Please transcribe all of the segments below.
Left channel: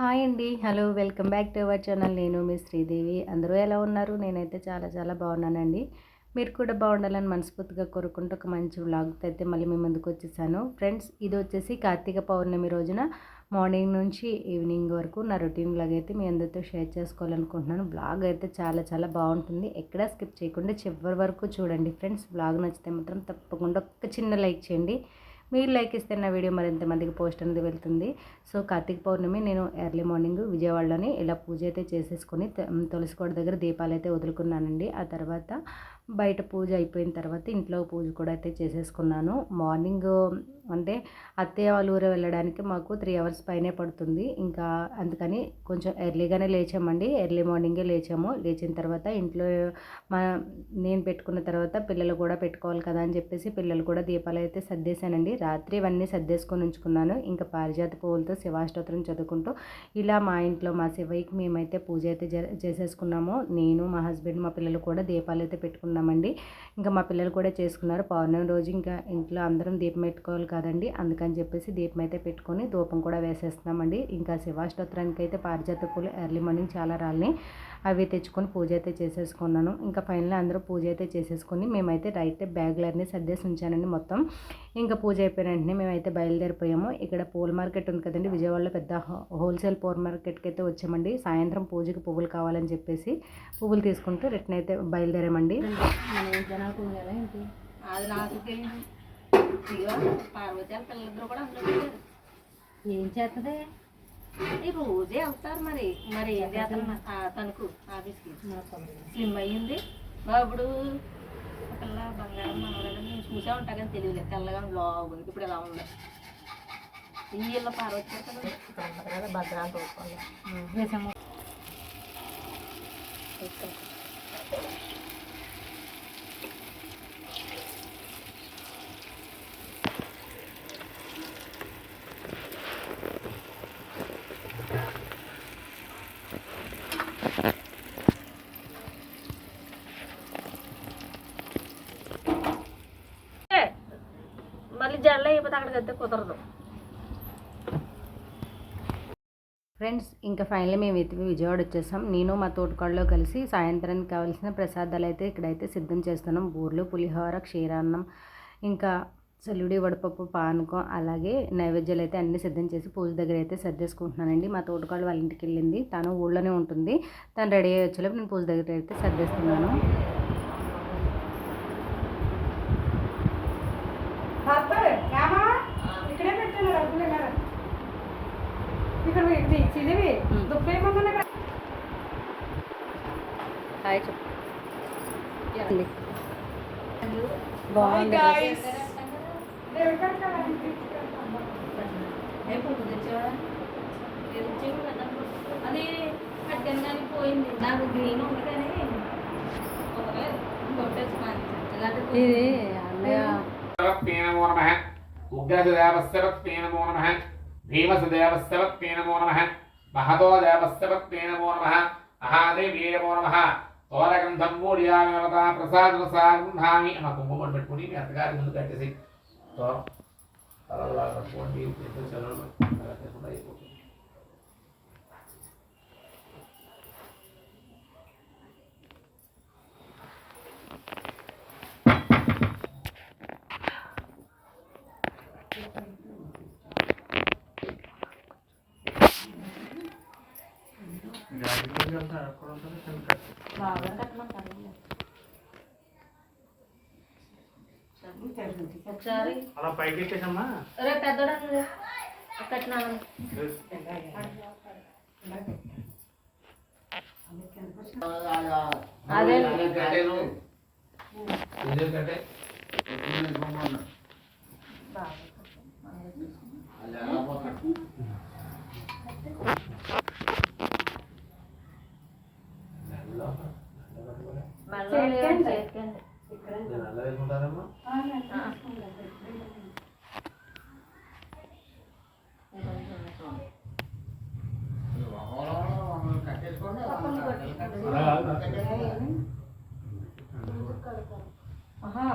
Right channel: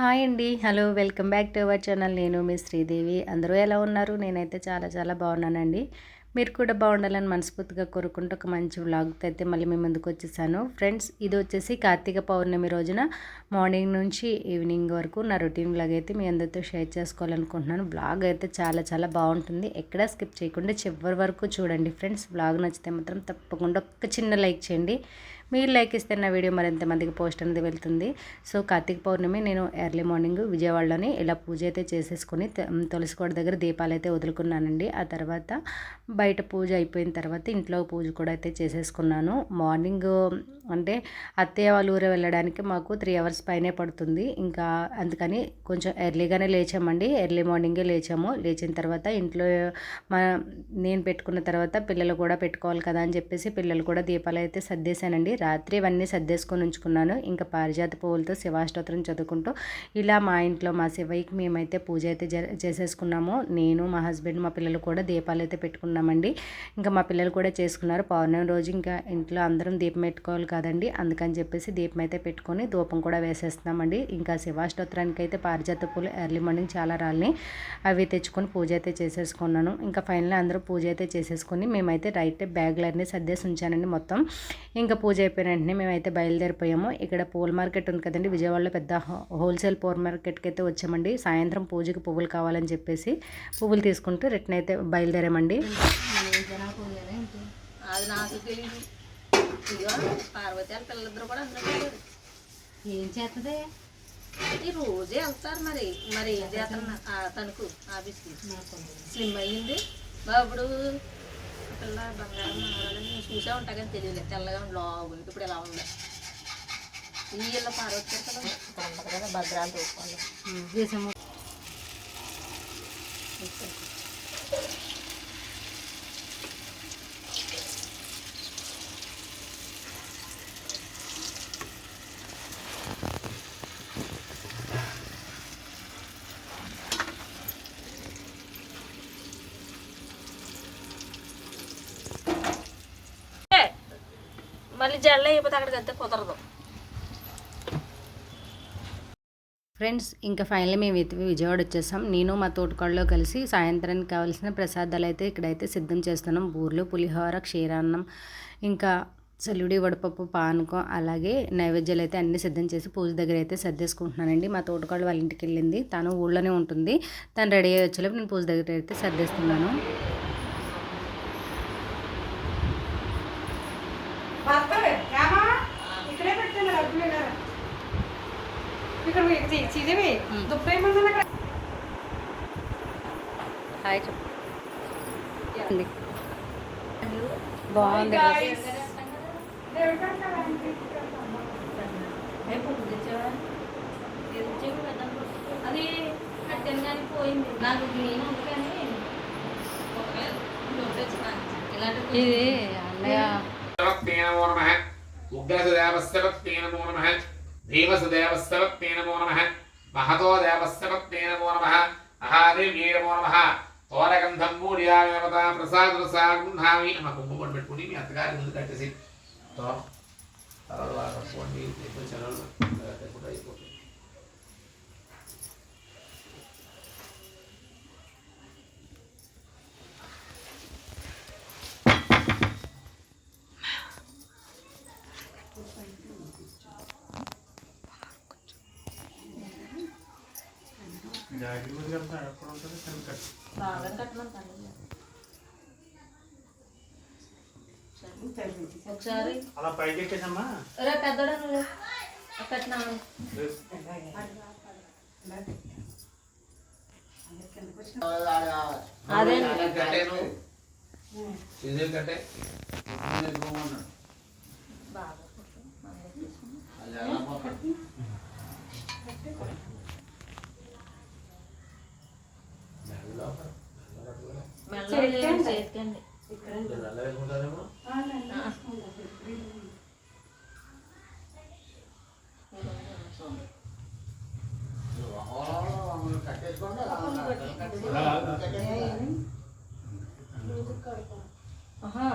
Hi అండి. Hello welcome back to our channel. నేను మీ శ్రీదేవి. అందరూ ఎలా ఉన్నారు? నేనైతే చాలా చాలా బాగున్నానండి. మీరు కూడా బాగుండాలని మనస్ఫూర్తిగా కోరుకుంటూ ఒక మంచి వ్లాగ్తో అయితే మళ్ళీ మీ ముందుకు వచ్చేసాను. ఫ్రెండ్స్ ఇది వచ్చేసి కార్తీక పౌర్ణమి రోజున మార్నింగ్ నుంచి ఈవినింగ్ వరకు నా రొటీన్ బ్లాగ్ అయితే మీ అందరితో షేర్ చేసుకోవాలనుకుంటున్నాను. బ్లాగ్ అయితే చాలా చాలా బాగుంటుంది. ఎక్కడా స్కిప్ చేయకుండా చివరి వరకు చూడండి ఫ్రెండ్స్. బ్లాగ్ నచ్చితే మాత్రం తప్పకుండా ఒక చిన్న లైక్ చేయండి. మీరు లైక్ ఇస్తే నా వీడియో మరింత మందికి పోస్ట్ అనేది వెళ్తుంది. సో కార్తీక పౌర్ణమి నేను ఎర్లీ మార్నింగ్ విజయవాడలోని ఇలా పూజ అయితే చేసేసుకొని తులసికోట దగ్గర దీపాలు అయితే వదులుకున్నానండి. ఆ తర్వాత బయట పూజ అయిపోయిన తర్వాత ఇంట్లో పూజ కూడా అయితే చేసేసుకున్నాను. మార్నింగ్ అంటే అత్తయ్య వాళ్ళ ఊరే వెళ్ళడానికి మాకు త్రీ అవర్స్ పైనే పడుతుంది. ఇంకా అందుకని కొంచెం ఎర్లీగానే లేచామండి. ఎర్లీ మార్నింగే లేచాము. లేచిన తర్వాత ఇంట్లో మా నేను పెట్టుకున్న తర్వాత పిల్లలు కూడా పెట్టుకోవాలి కదా అని చెప్పేసి పిల్లలు కూడా దీపాలు అయితే సర్దేశానండి. రాత్రి ఇవన్నీ సర్దేసుకొని ఉంచుకున్నాను. ఇంకా పారిజాత పువ్వులతో శివాష్టోత్రం చదువుకుంటూ ఇలా మా ఇంట్లో మా శివయ్యకి మేమైతే పూజ అయితే చేసేసుకున్నాము. నేను మా హస్బెండ్ మా పిల్లలు కూడా దీపాలు అయితే పెట్టుకున్నామండి. ఇంకా మా పిల్లలు కూడా చేసుకున్నారు. పౌర్ణమి రోజు ఇంకా ఇంట్లో అందరం దీపం పెట్టుకోవాలి కదండి. అందుకని చెప్పేసి దీపం అయితే పెట్టుకొని ధూపం కూడా వేసేస్తున్నామండి. ఇంకా శివాష్టోత్రానికి అయితే పారిజాత పూలు ఎర్లీ మార్నింగ్ చాలా రాళ్ళని అవి తెచ్చుకొని పూజ అయితే చేసేసుకున్నాను. ఇంకా ఫైనల్ అందరూ పూజ అయితే చేసేసుకొని మేమైతే రైట్ బ్యాగులన్నీ సర్దేసి ఉంచానండి మొత్తం. ఇంకా పూజ అయిపోయిన వెంటనే మేమైతే బయలుదేరిపోయాము. ఇక్కడ పూల మార్కెట్ ఉంది కదండి విజయవాడలో పెద్ద హోల్సేల్ పూల మార్కెట్కి అయితే వచ్చామండి. సాయంత్రం పూజకి పువ్వులు కావాలని చెప్పేసి పువ్వులు తీసుకుంటూ రిటర్న్ అయితే బయలుదేరామండి. ఏం చేస్తుంది ఈ రోజే వెళ్తారు మరి. మరి ఏం చేస్తారు తణుకు ఆఫీస్కి. స్లిమ్ అయ్యింది అప్పుడు పిల్ల బంగారం మనవరాలని చూసే ఉంటా కానీ తెలియలేదు తెల్లగా లావు ఇప్పుడు ఎలా ఉంది? ఈ ఇళ్ళ పార్వతి కదా. భద్రాలు చూసుకోవాలి మళ్ళీ జల్ల అయిపోతే అక్కడికి అంతే కుదరదు. ఫ్రెండ్స్ ఇంకా ఫైనల్ మేము అయితే విజయవాడ వచ్చేసాం. నేను మా తోటకాళ్ళలో కలిసి సాయంత్రానికి కావాల్సిన ప్రసాదాలు అయితే ఇక్కడైతే సిద్ధం చేస్తున్నాం. బూర్లు పులిహోర క్షీరాన్నం ఇంకా చల్లుడి వడపప్పు పానకం అలాగే నైవేద్యాలు అయితే అన్నీ సిద్ధం చేసి పూజ దగ్గర అయితే సర్దేసుకుంటున్నానండి. మా తోటకాళ్ళు వాళ్ళ ఇంటికి వెళ్ళింది. తను ఊళ్ళోనే ఉంటుంది. తను రెడీ అయ్యి వచ్చేలోపు నేను పూజ దగ్గర అయితే సర్దేస్తున్నాను హాయ్ చెప్పండి బాగుంది అది కట్టంగానే పోయింది నాకు గ్రీన్ ఉంది కానీ ఇది అన్నయ్య స్తవత్తే నమో నమః ఉగ్రసుదేవస్తవత్తే నమో నమః భీమసుదేవస్తవత్తే నమో నమః మహతో దేవస్తవత్తే నమో నమః మహాదేవీ నమో నమః తోరగంధం మూడియామి నమత ప్రసాద సాగుంధామి మా పెట్టుకుని మీ అత్తగారి ముందు కట్టేసి తో తలలా కట్టుకోండి ఇప్పుడు చదవడం కూడా అయిపోతుంది. బాగా ఒకసారి. అలా పైకి ఎక్కేసమ్మా. రే పెద్దోడా నువ్వు? కట్టినాను అదే కట్టే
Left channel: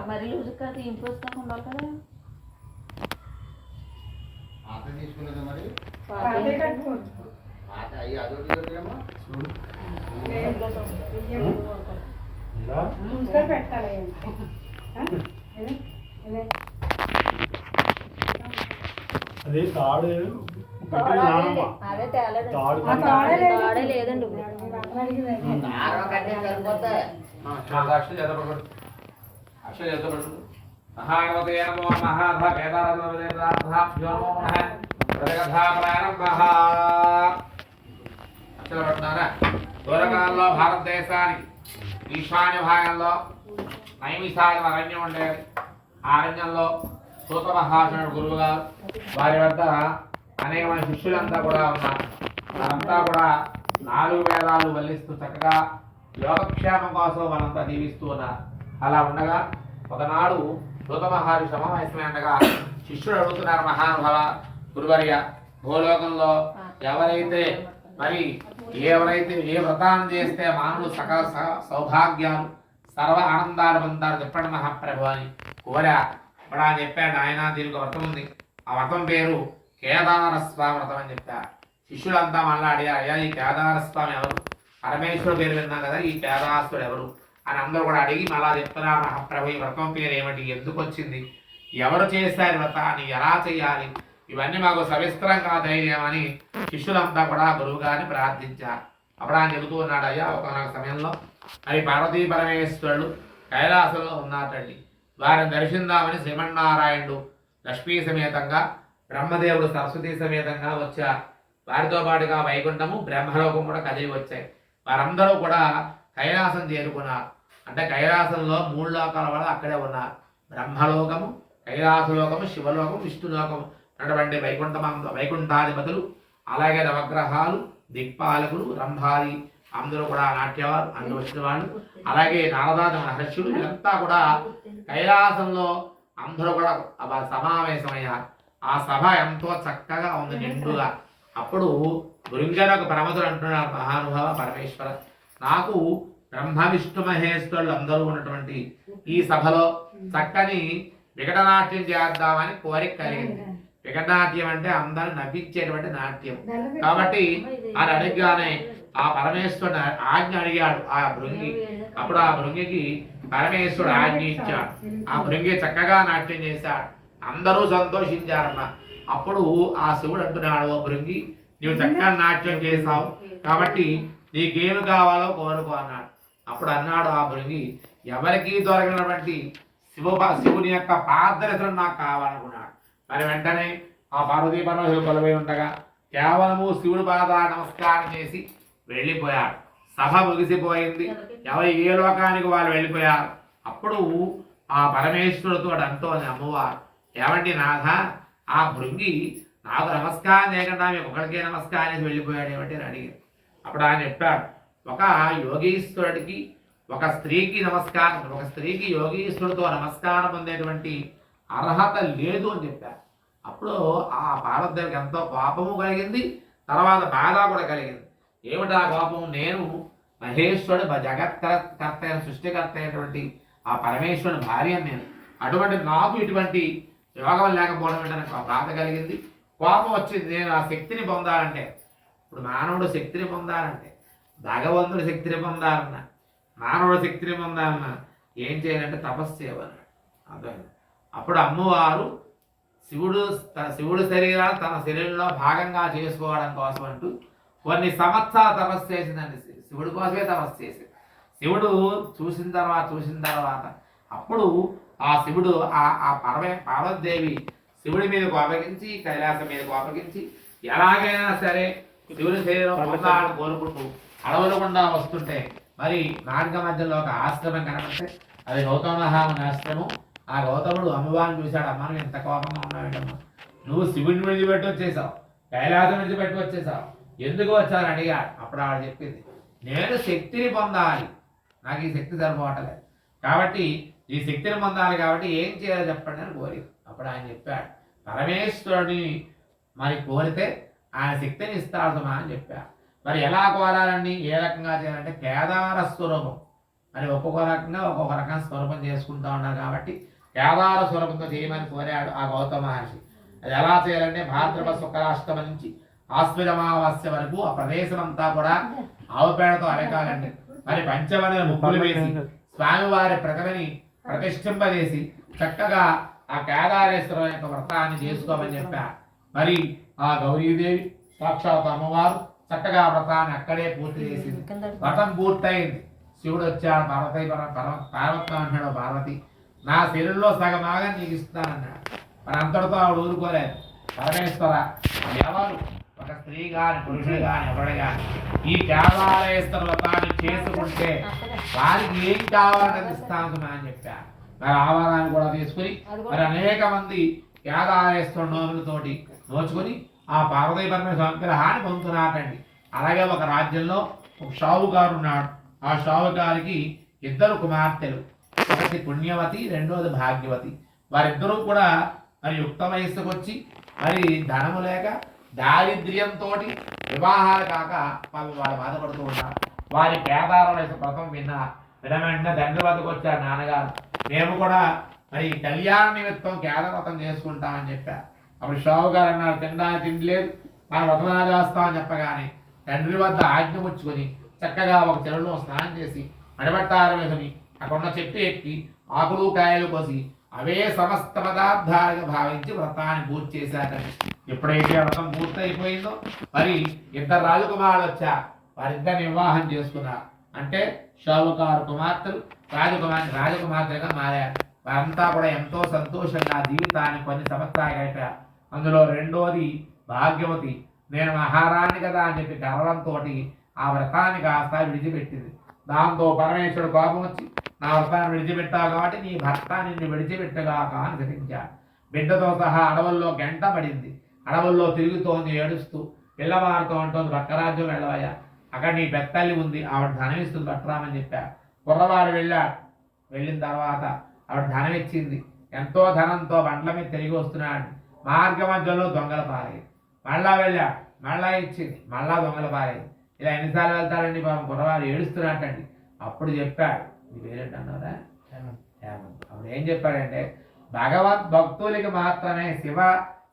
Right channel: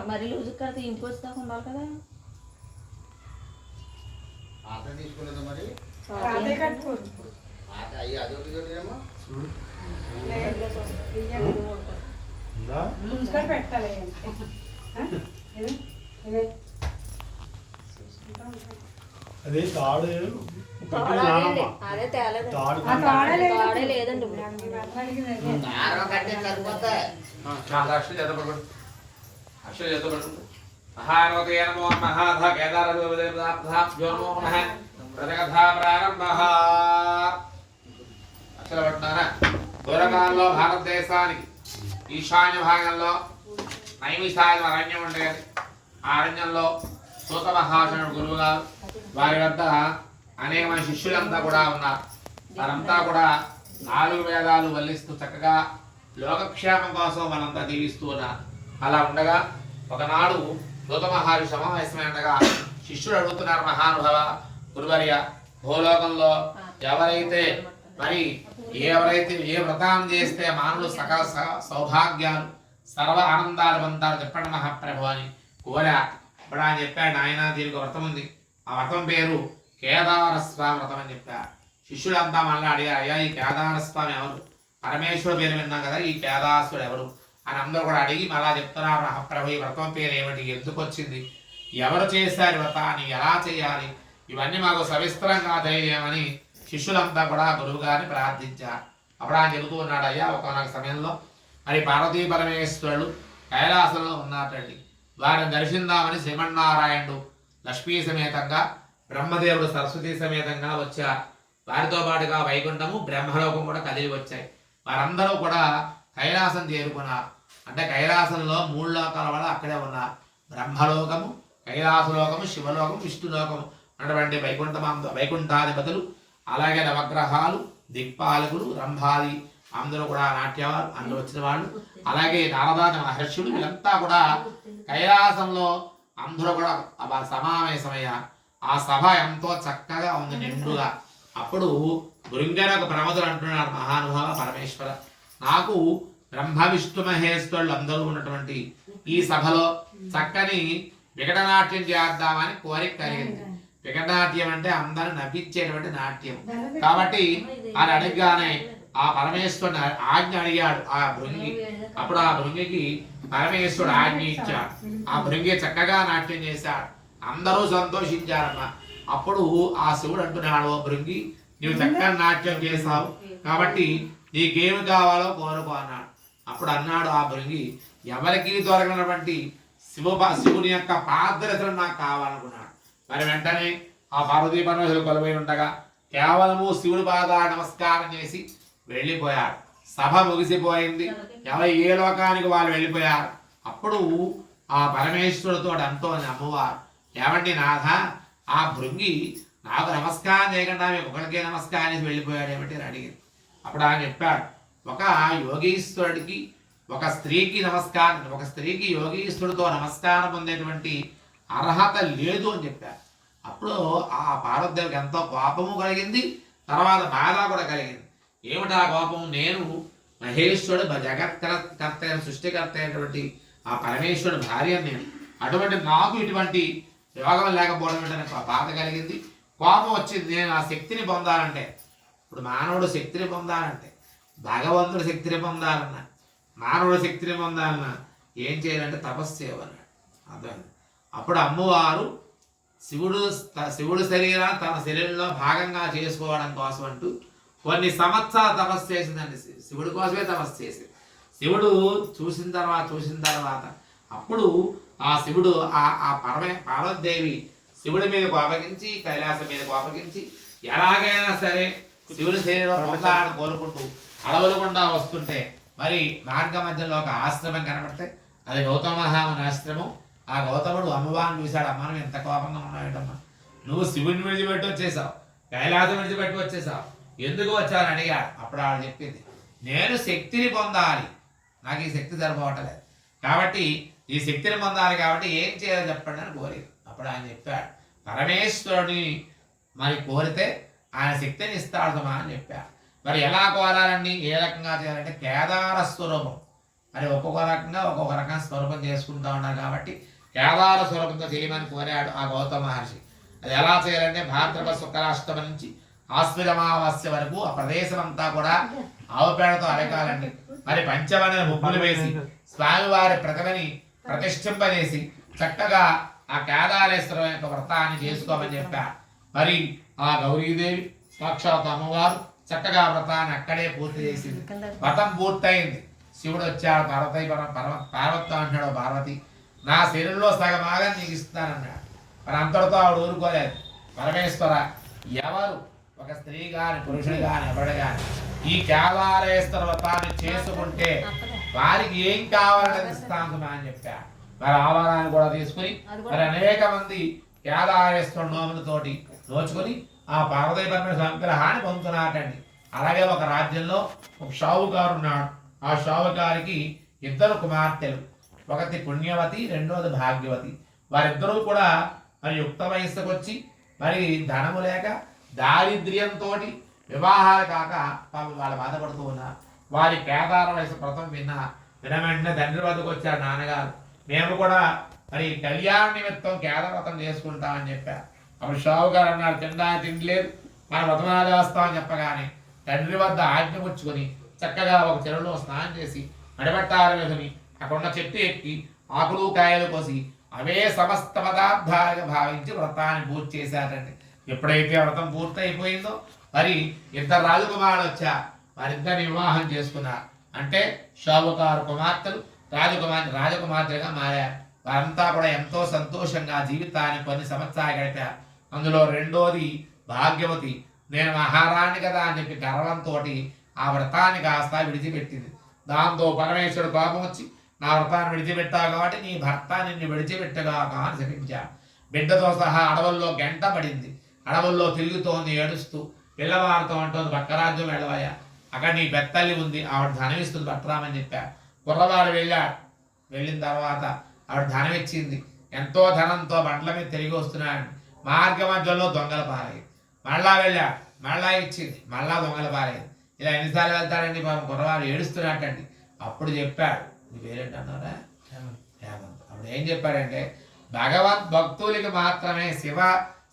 మరి లూజు కడితే ఇంపోస్తాక ఉండాలి కదా. తీసుకునేది మరి? పాప ఏంటంటే అయ్యి అది వదిలేదేమో. అదే తాడు. లేదండి. అక్షర చేతపడు నమో నమో ప్రారంభః. పూర్వకాలంలో భారతదేశానికి ఈశాన్య భాగంలో నైమిషాయ అరణ్యం ఉండేది. ఆ అరణ్యంలో సూత మహాశనుడు గురువు గారు. వారి వద్ద అనేక మంది శిష్యులంతా కూడా ఉన్నారు వారంతా కూడా నాలుగు వేదాలు వల్లిస్తూ చక్కగా లోకక్షేమం కోసం మనంతా దీవిస్తూ ఉన్నారు అలా ఉండగా ఒకనాడు సూత మహారి సమావేశమై ఉండగా శిష్యుడు అడుగుతున్నారు మహానుభవ గురువర్య భూలోకంలో ఎవరైతే మరి ఎవరైతే ఏ వ్రతాన్ని చేస్తే మానవులు సకల స- సౌభాగ్యాలు సర్వ ఆనందాలు పొందారు చెప్పండి మహాప్రభు అని కోరా. ఇప్పుడు ఆయన చెప్పాడు ఆయన దీనికి వ్రతం ఉంది. ఆ వ్రతం పేరు కేదారస్వామి వ్రతం అని చెప్పారు శిష్యులంతా మళ్ళీ అడిగారు అయ్యా ఈ కేదారస్వామి ఎవరు? పరమేశ్వరుడు పేరు విన్నాం కదా ఈ కేదారస్వరుడు ఎవరు? అని అందరూ కూడా అడిగి మళ్ళా చెప్తున్నారు మహాప్రభు ఈ వ్రతం పేరు ఏమిటి? ఎందుకు వచ్చింది? ఎవరు చేశారు వ్రతాన్ని? ఎలా చేయాలి? ఇవన్నీ మాకు సవిస్తరంగా ధైర్యమని శిష్యులంతా కూడా గురువు గారిని ప్రార్థించారు. అప్పుడు ఆయన చెబుతూ ఉన్నాడు అయ్యా ఒకనొక సమయంలో మరి పార్వతీ పరమేశ్వరుడు కైలాసంలో ఉన్నారండి వారిని దర్శిందామని శ్రీమన్నారాయణుడు లక్ష్మీ సమేతంగా బ్రహ్మదేవుడు సరస్వతి సమేతంగా వచ్చారు వారితో పాటుగా వైకుంఠము బ్రహ్మలోకం కూడా కదిలి వచ్చాయి. వారందరూ కూడా కైలాసం చేరుకున్నారు. అంటే కైలాసంలో మూడు లోకాల వాళ్ళు అక్కడే ఉన్నారు. బ్రహ్మలోకము కైలాసలోకము శివలోకము విష్ణులోకము అటువంటి వైకుంఠమంద వైకుంఠాధిపతులు అలాగే నవగ్రహాలు దిక్పాలకులు రంభాది అందరూ కూడా నాట్యవారు అందరూ వచ్చిన వాళ్ళు. అలాగే నారదాది మహర్షులు వీళ్ళంతా కూడా కైలాసంలో అందరూ కూడా సమావేశమయ్యారు. ఆ సభ ఎంతో చక్కగా ఉంది నిండుగా. అప్పుడు బృంగన ఒక ప్రమదులు అంటున్నారు మహానుభావ పరమేశ్వర. నాకు బ్రహ్మ విష్ణు మహేశ్వరులు అందరూ ఉన్నటువంటి ఈ సభలో చక్కని వికటనాట్యం చేద్దామని కోరిక కలిగింది. వికటనాట్యం అంటే అందరిని నవ్వించేటువంటి నాట్యం. కాబట్టి ఆయన అడగగానే ఆ పరమేశ్వరుని ఆజ్ఞ అడిగాడు ఆ భృంగి. అప్పుడు ఆ భృంగికి పరమేశ్వరుడు ఆజ్ఞ ఇచ్చాడు. ఆ భృంగి చక్కగా నాట్యం చేశాడు. అందరూ సంతోషించారన్న అప్పుడు ఆ శివుడు అంటున్నాడు ఓ భృంగి నీవు చక్కగా నాట్యం చేశావు. కాబట్టి నీకేమి కావాలో కోరుకో అన్నాడు. అప్పుడు అన్నాడు ఆ భృంగి ఎవరికి దొరకనటువంటి శివ శివుని యొక్క పాదరసనం నాకు కావాలనుకున్నాడు. మరి వెంటనే ఆ పార్వతీ పరమేశ్వరుడు కొలవై ఉండగా కేవలము శివుడి పాద నమస్కారం చేసి వెళ్ళిపోయాడు సభ ముగిసిపోయింది. ఎవరు ఏ లోకానికి వాళ్ళు వెళ్ళిపోయారు? అప్పుడు ఆ పరమేశ్వరుడితో అంటోని అమ్మవారు. ఏమండి నాథ? ఆ భృంగి నాకు నమస్కారం లేకుండా మేము ఒకరికే నమస్కారం చేసి వెళ్ళిపోయాడు ఏమంటే అడిగారు అప్పుడు ఆయన చెప్పాడు ఒక యోగీశ్వరుడికి ఒక స్త్రీకి నమస్కారం ఒక స్త్రీకి యోగీశ్వరుడితో నమస్కారం పొందేటువంటి అర్హత లేదు అని చెప్పారు అప్పుడు ఆ పార్వతీదేవికి ఎంతో కోపము కలిగింది తర్వాత బాధ కూడా కలిగింది. ఏమిటి ఆ కోపం నేను మహేశ్వరుడు జగత్కర్త సృష్టికర్త అయినటువంటి ఆ పరమేశ్వరుడు భార్య నేను అటువంటి నాకు ఇటువంటి యోగం లేకపోవడం ఏంటనే బాధ కలిగింది. కోపం వచ్చింది. నేను ఆ శక్తిని పొందాలంటే. ఇప్పుడు మానవుడు శక్తిని పొందాలంటే. భగవంతుడు శక్తిని పొందాలన్నా. మానవుడు శక్తిని పొందాలన్నా ఏం చేయాలంటే తపస్సు చేయమన్నాడు అర్థమైంది? అప్పుడు అమ్మవారు శివుడు శివుడు శరీరాన్ని తన శరీరంలో భాగంగా చేసుకోవడం కోసం అంటూ కొన్ని సంవత్సరాలు తపస్సు చేసిందండి. శివుడి కోసమే తపస్సు చేసింది. శివుడు చూసిన తర్వాత చూసిన తర్వాత అప్పుడు ఆ శివుడు ఆ ఆ పర్వ పార్వతీదేవి శివుడి మీద కోపగించి కైలాసం మీద కోపగించి ఎలాగైనా సరే శివుడి శరీరం పొందాలని కోరుకుంటూ అడవులకుండా వస్తుంటే మరి మార్గ మధ్యలో ఒక ఆశ్రమం కనపడితే అది గౌతమహాముని ఆశ్రమం. ఆ గౌతముడు అమ్మవారిని చూశాడు అమ్మ నువ్వు ఎంత కోపంగా ఉన్నావేంటమ్మా నువ్వు శివుని విడిచిపెట్టి వచ్చేసావు కైలాసం విడిచిపెట్టి వచ్చేసావు. ఎందుకు వచ్చావని అడిగాడు. అప్పుడు ఆవిడ చెప్పింది నేను శక్తిని పొందాలి. నాకు ఈ శక్తి సరిపోవట్లేదు. కాబట్టి ఈ శక్తిని పొందాలి కాబట్టి ఏం చేయాలో చెప్పండి అని కోరింది. అప్పుడు ఆయన చెప్పాడు పరమేశ్వరుని మరి కోరితే ఆయన శక్తిని ఇస్తాడు సుమా అని చెప్పాడు. మరి ఎలా కోరాలండి? ఏ రకంగా చేయాలంటే కేదార స్వరూపం. మరి ఒక్కొక్క రకంగా ఒక్కొక్క రకం స్వరూపం చేసుకుంటా ఉన్నారు కాబట్టి కేదార స్వరూపంతో చేయమని కోరాడు ఆ గౌతమ మహర్షి. అది ఎలా చేయాలంటే భాద్రపద శుక్లాష్టమి నుంచి ఆశ్వజమావాస్య వరకు ఆ ప్రదేశం అంతా కూడా ఆవుపేడతో అడకాలండి మరి పంచమైన ముగ్గులు వేసి స్వామివారి ప్రతిమని ప్రతిష్ఠింపజేసి చక్కగా ఆ కేదారేశ్వరం యొక్క వ్రతాన్ని చేసుకోమని చెప్పారు మరి ఆ గౌరీదేవి సాక్షాత్ అమ్మవారు చక్కగా వ్రతాన్ని అక్కడే పూర్తి చేసింది. వ్రతం పూర్తయింది. శివుడు వచ్చాడు పార్వతి పర- పర- పార్వతం అంటున్నాడు పార్వతి. నా శరీరంలో సగమాగా నీకు ఇస్తానన్నాడు మరి అంతటితో ఆవిడ ఊరుకోలేదు. పరమేశ్వర ఎవరు? ఒక స్త్రీ గాని పురుషుడు గాని ఎవరు గాని ఈ కేదారేశ్వర వ్రతాన్ని చేసుకుంటే వారికి ఏం కావాలని ఇస్తాను అని చెప్పారు మరి ఆవాదాన్ని కూడా తీసుకుని మరి అనేక మంది కేదారేశ్వర నోములతోటి నోచుకొని ఆ పార్వతీ పరమేశ్వర అనుగ్రహాన్ని పొందుతున్నారండి అలాగే ఒక రాజ్యంలో ఒక షావుకారు ఉన్నాడు. ఆ షావుకారికి ఇద్దరు కుమార్తెలు. ఒకటి పుణ్యవతి రెండోది భాగ్యవతి. వారిద్దరూ కూడా మరి యుక్త వయస్సుకు వచ్చి మరి ధనము లేక దారిద్ర్యంతో వివాహాలు కాక వాళ్ళు బాధపడుతూ ఉన్నారు. వారి కేదారవేశ వ్రతం విన్నా వినమెంట తండ్రి వద్దకు వచ్చారు నాన్నగారు. మేము కూడా మరి కళ్యాణ నిమిత్తం కేదార వ్రతం చేసుకుంటామని చెప్పారు. అప్పుడు షావు గారు అన్నారు తిండా తిండిలేదు మన వ్రతం చేస్తామని చెప్పగానే తండ్రి వద్ద ఆజ్ఞ పుచ్చుకొని చక్కగా ఒక చెరువులో స్నానం చేసి అడబట్టారు వేసుని అక్కడున్న చెట్టు ఎక్కి ఆకులు కాయలు కోసి అవే సమస్త పదార్థాలుగా భావించి వ్రతాన్ని పూర్తి చేశారని ఎప్పుడైతే వ్రతం పూర్తయిపోయిందో మరి ఇద్దరు రాజకుమారులు వచ్చా వారిద్దరు వివాహం చేసుకున్నారు అంటే షావుకారు కుమార్తెలు రాజకుమార్ రాజకుమార్తెగా మారారు. వారంతా కూడా ఎంతో సంతోషంగా జీవితాన్ని కొన్ని సంవత్సరాలు గడిపారు. అందులో రెండోది భాగ్యవతి. నేను మహారాణి కదా అని చెప్పి గర్వంతో ఆ వ్రతాన్ని కాస్త విడిచిపెట్టింది. దాంతో పరమేశ్వరుడు కోపం వచ్చి నా వ్రతాన్ని విడిచిపెట్టావు కాబట్టి నీ భర్త నిన్ను విడిచిపెట్టగాక అని శపించాడు బిడ్డతో సహా అడవుల్లో గంట పడింది అడవుల్లో తిరుగుతోంది ఏడుస్తూ పిల్లవారితో అంటోంది పక్కరాజ్యం వెళ్ళవయ్యా. అక్కడ నీ బెత్తల్లి ఉంది ఆవిడ ధనం ఇస్తుంది పట్టరామని చెప్పాడు కుర్రవాడు వెళ్ళాడు వెళ్ళిన తర్వాత ఆవిడ ధనం ఇచ్చింది. ఎంతో ధనంతో బండ్ల మీద తిరిగి వస్తున్నాడు. మార్గ మధ్యలో దొంగల పాలయ్యి మళ్ళా వెళ్ళాడు మళ్ళా ఇచ్చింది. మళ్ళా దొంగల పాలయ్యింది ఇలా ఎన్నిసార్లు వెళ్తాడండి పాపం? కుర్రవాడు ఏడుస్తున్నట్టండి. అప్పుడు చెప్పాడు. నీ పేరేంటి అన్నారా హేమంత్. అప్పుడు ఏం చెప్పాడంటే భగవద్ భక్తులకి మాత్రమే శివ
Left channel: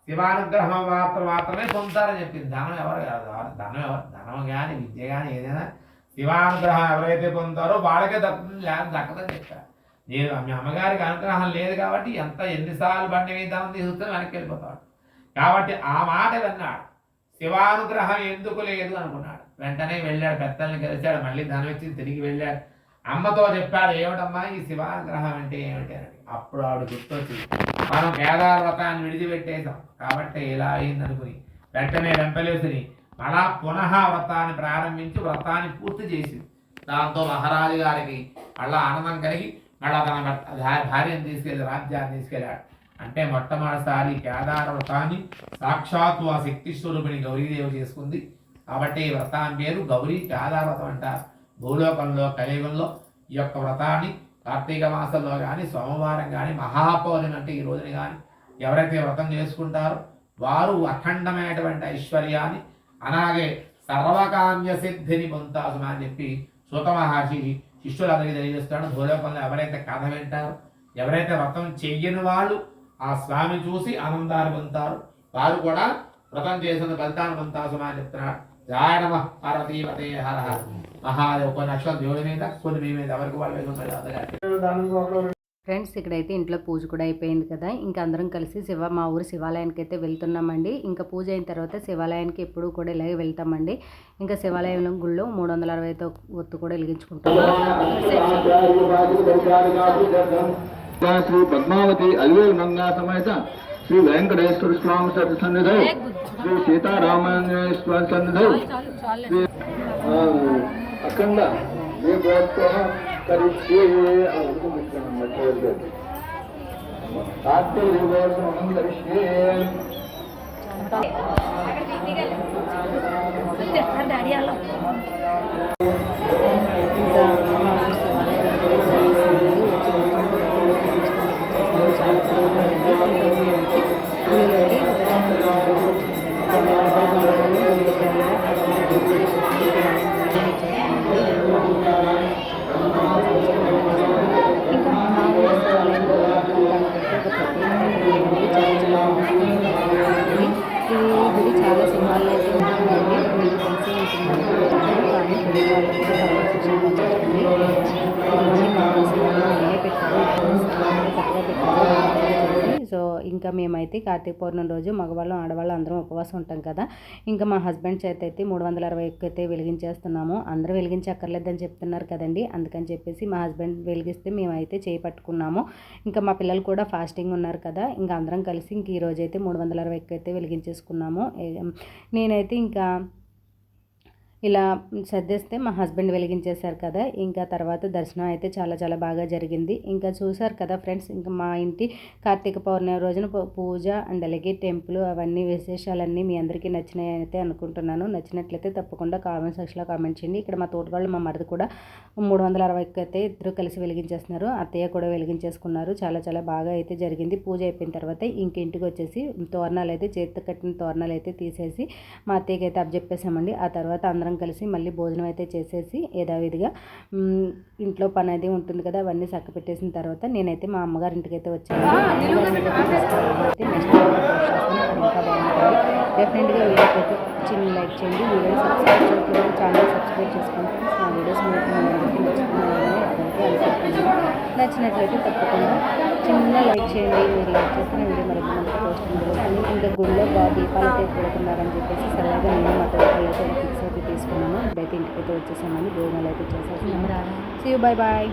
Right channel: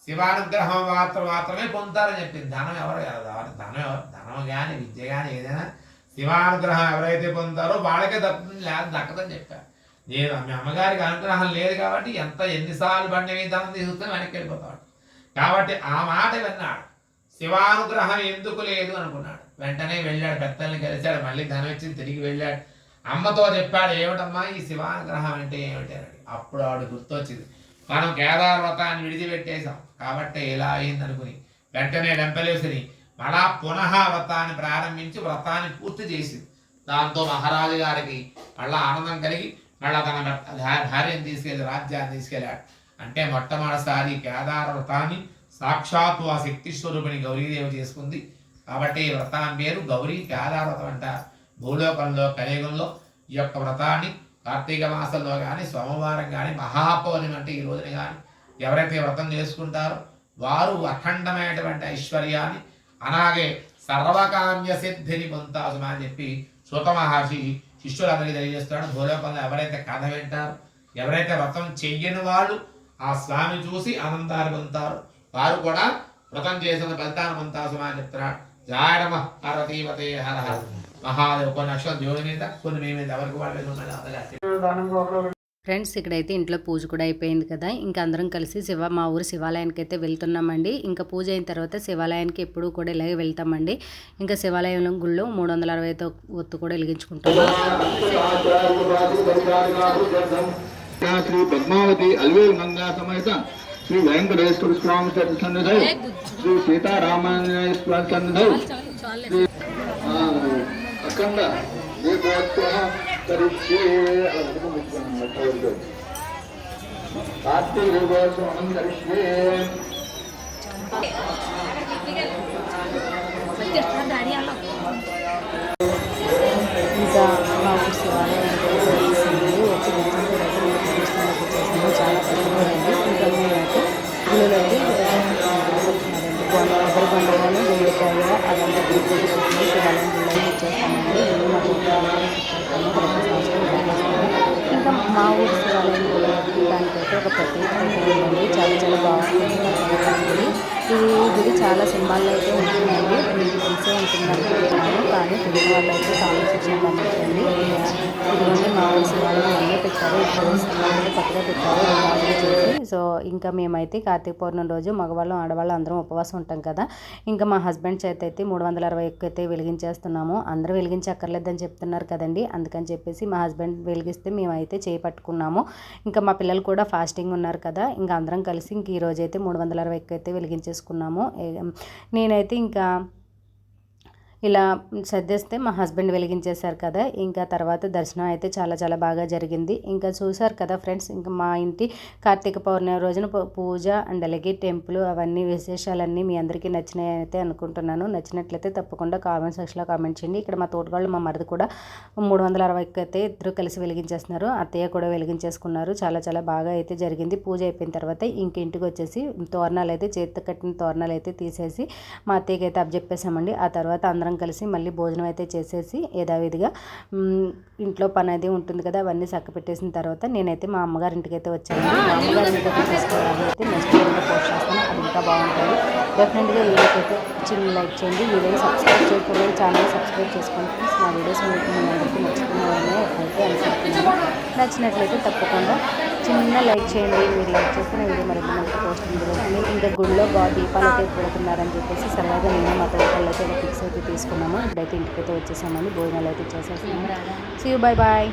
శివానుగ్రహం మాత్రం మాత్రమే పొందుతారని చెప్పింది. ధనం ఎవరు కాదు. ధనం ఎవరు? ధనం కానీ విద్య కానీ ఏదైనా శివానుగ్రహం ఎవరైతే పొందుతారో వాళ్ళకే దక్కుతుంది లేదా దక్కదని చెప్పారు. నేను మీ అమ్మగారికి అనుగ్రహం లేదు కాబట్టి ఎంత ఎన్నిసార్లు బండి మీద ధనం తీసుకుని వెనక్కి వెళ్ళిపోతాడు. కాబట్టి ఆ మాట విన్నాడు. శివానుగ్రహం ఎందుకు లేదు అనుకున్నాడు. వెంటనే వెళ్ళాడు పెద్దల్ని కలిశాడు మళ్ళీ ధనం ఇచ్చి తిరిగి వెళ్ళాడు. అమ్మతో చెప్పాడు ఏమిటమ్మా ఈ శివానుగ్రహం అంటే ఏమిటి? అని అప్పుడు ఆవిడ గుర్తొచ్చింది. మనం కేదార వ్రతాన్ని విడిచిపెట్టేశాం. కాబట్టి ఇలా అయిందనుకుని వెంటనే వెంపలేసిని మళ్ళా పునః వ్రతాన్ని ప్రారంభించి వ్రతాన్ని పూర్తి చేసింది. దాంతో మహారాజు గారికి మళ్ళా ఆనందం కలిగి మళ్ళా తన భార్యను తీసుకెళ్ళి రాజ్యాన్ని తీసుకెళ్ళాడు. అంటే మొట్టమొదటిసారి కేదార వ్రతాన్ని సాక్షాత్తు ఆ శక్తి స్వరూపిణి గౌరీదేవి చేసుకుంది. కాబట్టి ఈ వ్రతాన్ని పేరు గౌరీ కేదార వ్రతం అంటారు. భూలోకంలో కలియుగంలో ఈ యొక్క వ్రతాన్ని కార్తీక మాసంలో కానీ సోమవారం కానీ మహాపౌర్ణమి అంటే ఈ రోజున కానీ ఎవరైతే వ్రతం చేసుకుంటారో వారు అఖండమైనటువంటి ఐశ్వర్యాన్ని అలాగే సర్వకామ్య సిద్ధిని పొందుతారు అని చెప్పి సూత మహర్షి శిష్యులందరికీ తెలియజేస్తాడు భూలోకంలో ఎవరైతే కథ వింటారు ఎవరైతే వ్రతం చెయ్యని వాళ్ళు ఆ స్వామి చూసి ఆనందాలు పొందుతారు. వారు కూడా వ్రతం చేసిన ఫలితాన్ని పొందుతారు అని చెప్తున్నాడు. జాయ నమ పార్వతీపతే హర. హర కొన్ని అక్షరం దేవుడి మీద కొన్ని మీ మీద ఎవరికి వాళ్ళ మీద ఫ్రెండ్స్ ఇక్కడైతే ఇంట్లో పూజ కూడా అయిపోయింది కదా. ఇంకా అందరం కలిసి శివ మా ఊరు శివాలయానికి అయితే వెళ్తున్నామండి. ఇంకా పూజ అయిన తర్వాత శివాలయానికి ఎప్పుడూ కూడా ఇలాగే వెళ్తామండి. ఇంకా శివాలయం గుళ్ళో మూడు వందల అరవై ఒత్తు కూడా వెలిగించుకుంటాము. శ్రీ పద్మావతి అల్వేలు గంగా సమేత శ్రీ వెంకటేశ్వర స్వామి సన్నిధి. శ్రీ సీతారామాంజనేయ స్వామి సన్నిధి. శ్రీ ఆ, అఖండ దీపోత్సవ కరిష్యే కార్తీక దీపోత్సవం కరిష్యే ఇంకా ఇదిగోండి మా పెట్టారు ఇప్పుడు పెట్టారు చేసి సో ఇంకా మేమైతే కార్తీక పౌర్ణమి రోజు మగవాళ్ళం ఆడవాళ్ళం అందరం ఉపవాసం ఉంటాం కదా. ఇంకా మా హస్బెండ్ చేత అయితే మూడు వందల అరవై ఒక్క అయితే వెలిగించేస్తున్నాము. అందరూ వెలిగించక్కర్లేదని చెప్తున్నారు కదండి. అందుకని చెప్పేసి మా హస్బెండ్ వెలిగిస్తే మేమైతే చేపట్టుకున్నాము ఇంకా మా పిల్లలు కూడా ఫాస్టింగ్ ఉన్నారు కదా. ఇంకా అందరం కలిసి ఇంక ఈ రోజు అయితే మూడు వందల అరవై ఒక్క అయితే వెలిగించేసుకున్నాము. నేనైతే ఇంకా ఇలా సర్దేస్తే మా హస్బెండ్ వెలిగించేశారు కదా. ఇంకా తర్వాత దర్శనం అయితే చాలా చాలా బాగా జరిగింది. ఇంకా చూశారు కదా ఫ్రెండ్స్ ఇంకా మా ఇంటి కార్తీక పౌర్ణమి రోజున పూ- పూజ అండ్ అలాగే టెంపుల్ అవన్నీ విశేషాలన్నీ మీ అందరికీ నచ్చినాయి అయితే అనుకుంటున్నాను. నచ్చినట్లయితే తప్పకుండా కామెంట్ సెక్షన్లో కామెంట్ చేయండి. ఇక్కడ మా తోటగాళ్ళు మా మరిది కూడా మూడు వందల అరవైకి అయితే ఇద్దరు కలిసి వెలిగించేస్తున్నారు. అత్తయ్య కూడా వెలిగించేసుకున్నారు. చాలా చాలా బాగా అయితే జరిగింది. పూజ అయిపోయిన తర్వాత ఇంక ఇంటికి వచ్చేసి తోరణాలు అయితే చేతితో కట్టిన తోరణాలు అయితే తీసేసి మా అత్తయ్యకి అయితే అప్పచెప్పేసామండి ఆ తర్వాత అందరం అందరం కలిసి మళ్ళీ భోజనం అయితే చేసేసి యథావిధిగా ఇంట్లో పని అది ఉంటుంది కదా అవన్నీ చక్క పెట్టేసిన తర్వాత నేనైతే మా అమ్మగారి ఇంటికి అయితే వచ్చాను. మా అమ్మగారి ఇంటికి అయితే నెక్స్ట్ వీడియో పోస్ట్ చేస్తాను. అది ఇంకా బాగుంటుంది. డెఫినెట్గా వీడియోకి అయితే చిన్న లైక్ చేయండి. వీడియోని సబ్స్క్రైబ్ చేసుకోండి ఛానల్ సబ్స్క్రైబ్ చేసుకోండి. నా వీడియోస్ మీకు మీ అందరికీ నచ్చుతున్నాయని అయితే అనుకుంటున్నాను నచ్చినట్లయితే తప్పకుండా చిన్న లైక్ చేయండి మీరు లైక్ చేస్తున్న వీడియో మరి మనకి పోస్ట్ ఉంటుంది ఇంకా గుడిలో బాగా దీపాలు అయితే పెడుతున్నారని చెప్పేసి సరదాగా నేను మా తోటలు అయితే ఫిక్స్ అయితే తీసుకున్నాము. ఇప్పుడైతే ఇంటికైతే వచ్చేసామని భోజనాలు అయితే చేసేసాము సీ యూ బాయ్ బాయ్